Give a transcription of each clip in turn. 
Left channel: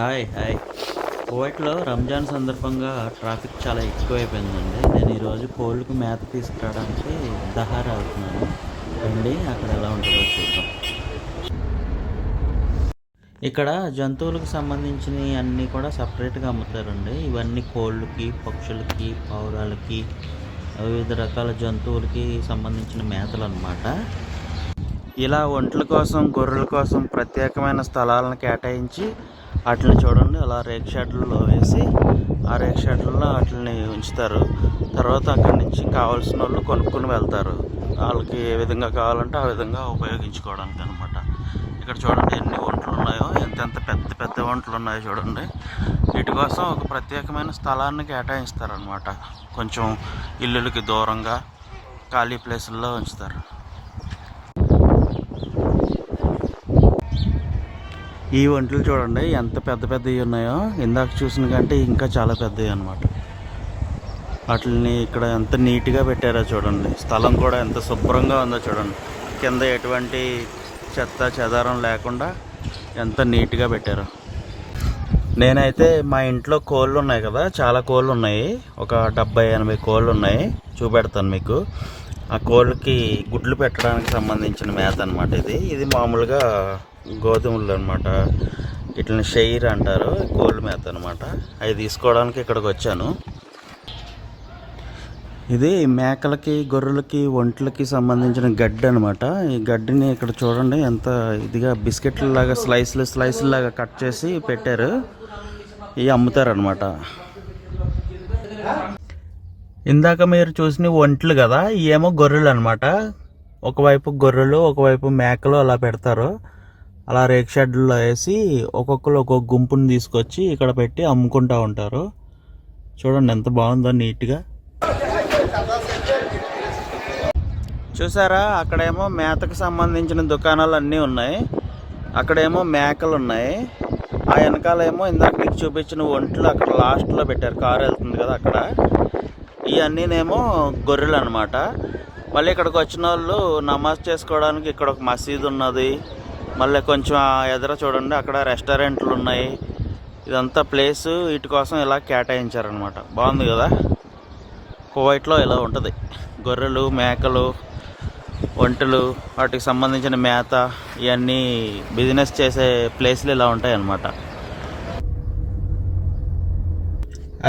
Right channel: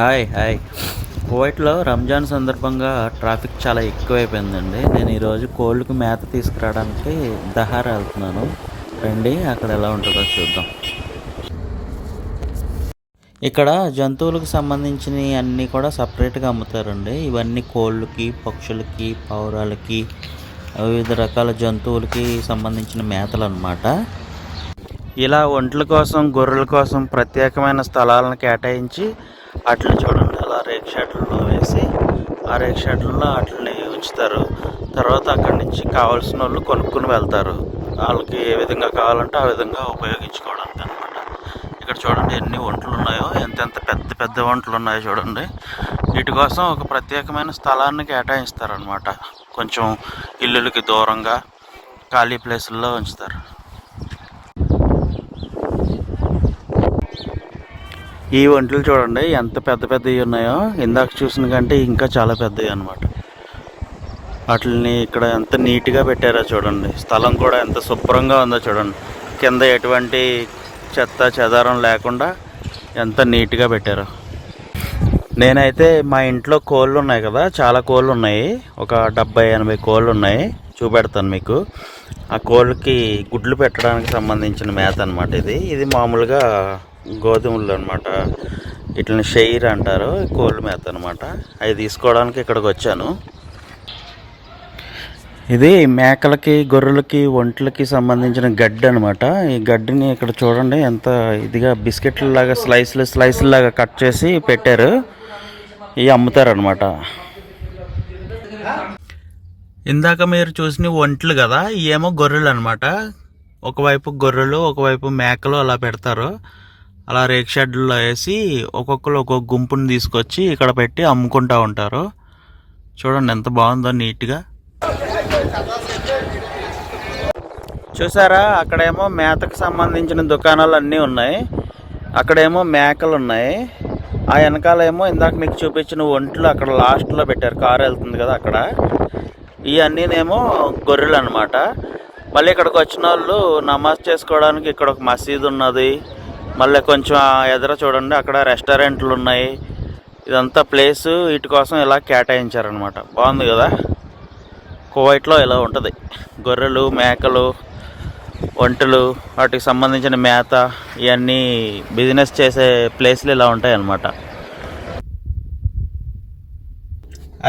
Hi కువైట్లో రంజాన్ సందర్భంగా traffic చాలా ఎక్కువైపోయిందండి. నేను ఈరోజు కోళ్ళకు మేత తీసుకురావడానికి దహారా వెళ్తున్నాను. రండి అక్కడ ఎలా ఉంటుందో చూద్దాం. ఇక్కడ జంతువులకు సంబంధించినవి అన్నీ కూడా సపరేట్గా అమ్ముతారండి. ఇవన్నీ కోళ్ళకి, పక్షులకి, పావురాలకి, వివిధ రకాల జంతువులకి సంబంధించిన మేతలు అన్నమాట. ఇలా ఒంట్ల కోసం, గొర్రెల కోసం ప్రత్యేకమైన స్థలాలను కేటాయించి వాటిని చూడండి అలా రేక్ షెడ్లలో వేసి ఆ రేక్ షెడ్లలో వాటిని ఉంచుతారు. తర్వాత అక్కడి నుంచి కావాల్సిన వాళ్ళు కొనుక్కుని వెళ్తారు. వాళ్ళకి ఏ విధంగా కావాలంటే ఆ విధంగా ఉపయోగించుకోవడానికి అనమాట. ఇక్కడ చూడండి ఎన్ని ఒంట్లు ఉన్నాయో, ఎంతెంత పెద్ద పెద్ద ఒంట్లు ఉన్నాయో చూడండి. వీటి కోసం ఒక ప్రత్యేకమైన స్థలాన్ని కేటాయిస్తారనమాట. కొంచెం ఇల్లులకి దూరంగా ఖాళీ ప్లేసుల్లో ఉంచుతారు. ఈ ఒంట్లు చూడండి ఎంత పెద్ద పెద్దవి ఉన్నాయో. ఇందాక చూసిన కంటే ఇంకా చాలా పెద్దవి అనమాట. వాటిని ఇక్కడ ఎంత నీట్గా పెట్టారో చూడండి. స్థలం కూడా ఎంత శుభ్రంగా ఉందో చూడండి. కింద ఎటువంటి చెత్త చెదారం లేకుండా ఎంత నీట్గా పెట్టారో. నేనైతే మా ఇంట్లో కోళ్ళు ఉన్నాయి కదా, చాలా కోళ్ళు ఉన్నాయి. ఒక 70-80 కోళ్ళు ఉన్నాయి. చూపెడతాను మీకు. ఆ కోళ్ళకి గుడ్లు పెట్టడానికి సంబంధించిన మేత అనమాట ఇది మామూలుగా గోధుమలు అనమాట. ఇట్లని షెయిర్ అంటారు, కోళ్ళ మేత అనమాట. అవి తీసుకోవడానికి ఇక్కడికి వచ్చాను. ఇది మేకలకి, గొర్రెలకి, ఒంట్లకి సంబంధించిన గడ్డి అనమాట. ఈ గడ్డిని ఇక్కడ చూడండి ఎంత ఇదిగా బిస్కెట్ల లాగా స్లైస్ లాగా కట్ చేసి పెట్టారు. ఇవి అమ్ముతారనమాట. ఇందాక మీరు చూసిన ఒంట్లు కదా, ఇవేమో గొర్రెలు అనమాట. ఒకవైపు గొర్రెలు, ఒకవైపు మేకలు అలా పెడతారు. అలా రేక్ షెడ్లో వేసి ఒక్కొక్కరు ఒక్కొక్క గుంపుని తీసుకొచ్చి ఇక్కడ పెట్టి అమ్ముకుంటూ ఉంటారు. చూడండి ఎంత బాగుందో నీట్గా. చూసారా, అక్కడేమో మేతకు సంబంధించిన దుకాణాలు అన్నీ ఉన్నాయి. అక్కడేమో మేకలు ఉన్నాయి. ఆ వెనకాలేమో ఇందాక మీకు చూపించిన ఒంట్లు అక్కడ లాస్ట్లో పెట్టారు. కారు వెళ్తుంది కదా అక్కడ. ఇవన్నీనేమో గొర్రెలు అనమాట. మళ్ళీ ఇక్కడికి వచ్చిన వాళ్ళు నమాజ్ చేసుకోవడానికి ఇక్కడ ఒక మసీదు ఉన్నది. మళ్ళీ కొంచెం ఎదుర చూడండి అక్కడ రెస్టారెంట్లు ఉన్నాయి. ఇదంతా ప్లేసు వీటి కోసం ఇలా కేటాయించారనమాట. బాగుంది కదా. కువైట్లో ఇలా ఉంటుంది. గొర్రెలు, మేకలు, ఒంటెలు, వాటికి సంబంధించిన మేత ఇవన్నీ బిజినెస్ చేసే ప్లేస్లు ఇలా ఉంటాయి అన్నమాట.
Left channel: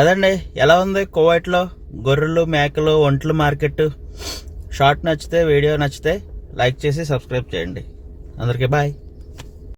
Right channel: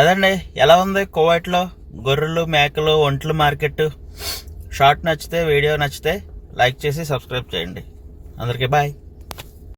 అదండి ఎలా ఉంది కువైట్లో గొర్రెలు, మేకలు, ఒంటెలు మార్కెట్. షార్ట్ నచ్చితే, వీడియో నచ్చితే లైక్ చేసి సబ్స్క్రైబ్ చేయండి. అందరికీ బాయ్.